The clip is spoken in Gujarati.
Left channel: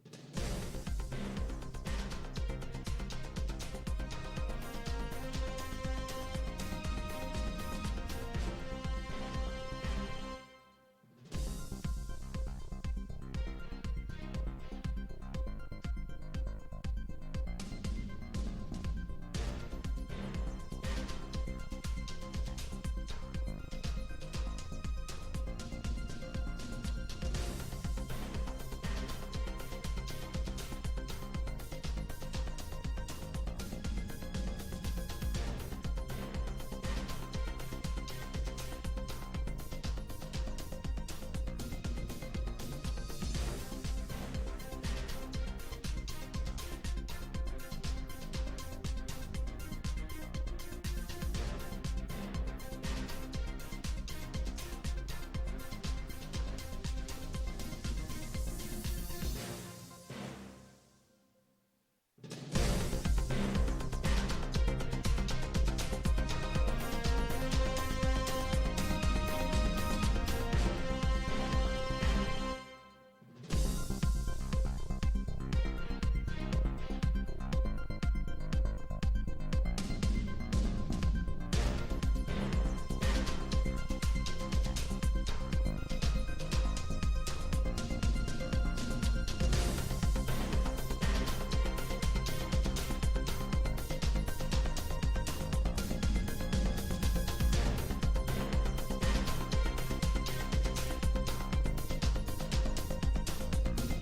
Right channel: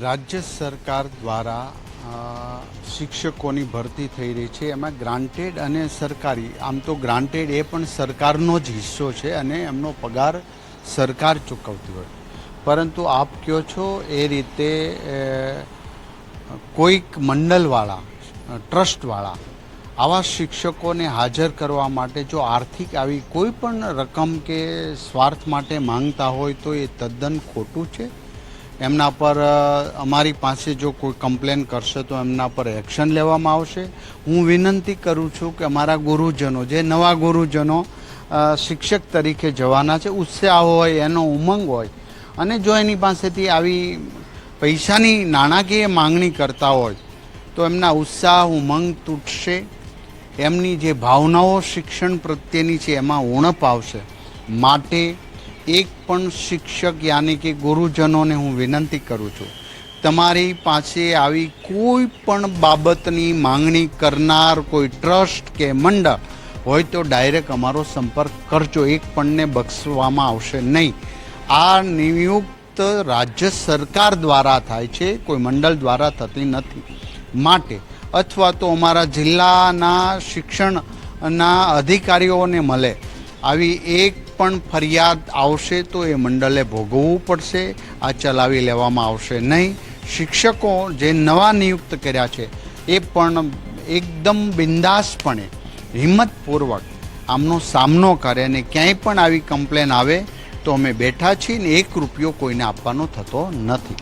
રાજ્ય સરકાર દ્વારા શિક્ષકોની ભરતી થઈ રહી છે. એમાં ગ્રાન્ટેડ અને સરકારી. આમ તો ગ્રાન્ટેડ એ પણ સરકારનો જ હિસ્સો છે અને એમનો પગાર સરકાર ચૂકવતી હોય. પરંતુ આપ કહો છો? એ રીતે કોઈક મંડળવાળા ટ્રસ્ટવાળા, આવા શિક્ષકોને હાજર કરવા માટે જો આર્થિક આવી કોઈ પણ રકમ કે સ્વાર્થ માટે માંગતા હોય તો એ તદ્દન ખોટું છે? એમના પર અમારી પાસે જો કોઈ કમ્પ્લેન કરશે તો એમના પર એક્શન લેવામાં આવશે. હું વિનંતી કરું છું કે અમારા ગુરુજનો, જે નવા ગુરુજનો શિક્ષક તરીકે જવાના છે, ઉત્સાહ હોય, એનો ઉમંગ હોય, અને જો એની પાસેથી આવી પૈસાની નાણાકીય માંગણી કરતા હોય, તો એમના ઉત્સાહ, ઉમંગ તૂટશે. એમની જે ભાવનાઓ શિક્ષણ પ્રત્યેની છે, એમાં ઉણપ આવશે. માટે એક પણ શિક્ષક યાની કે ગુરુજનોને હું વિનંતી કરું છું, તમારી પાસે આવી કોઈ પણ બાબતની માંગણી કરનાર કોઈ ટ્રસ્ટ કે મંડળ હોય તો ડાયરેક્ટ અમારો સંપર્ક કરજો, એક પણને બક્ષવામાં આવશે નહીં. આ નિયુક્ત રાજ્ય સરકાર દ્વારા થાય છે, કોઈ મંડળ દ્વારા થતી નથી. માટે અથવા તો અમારા જિલ્લાના શિક્ષણના અધિકારીઓને મળે આવી એક પણ ફરિયાદ આવશે તો એ મંડળે ભોગવવું પડશે, આ ચલાવી લેવામાં આવશે નહીં. શિક્ષકો જે નવા નિયુક્ત કર્યા છે, એ પણ એકદમ બિંદાસપણે, હિંમતપૂર્વક આમનો સામનો કરે અને ક્યાંય પણ આવી કમ્પ્લેન આવે તો અમે બેઠા છીએ ને એક રૂપિયો કોઈને આપવાનો થતો નથી.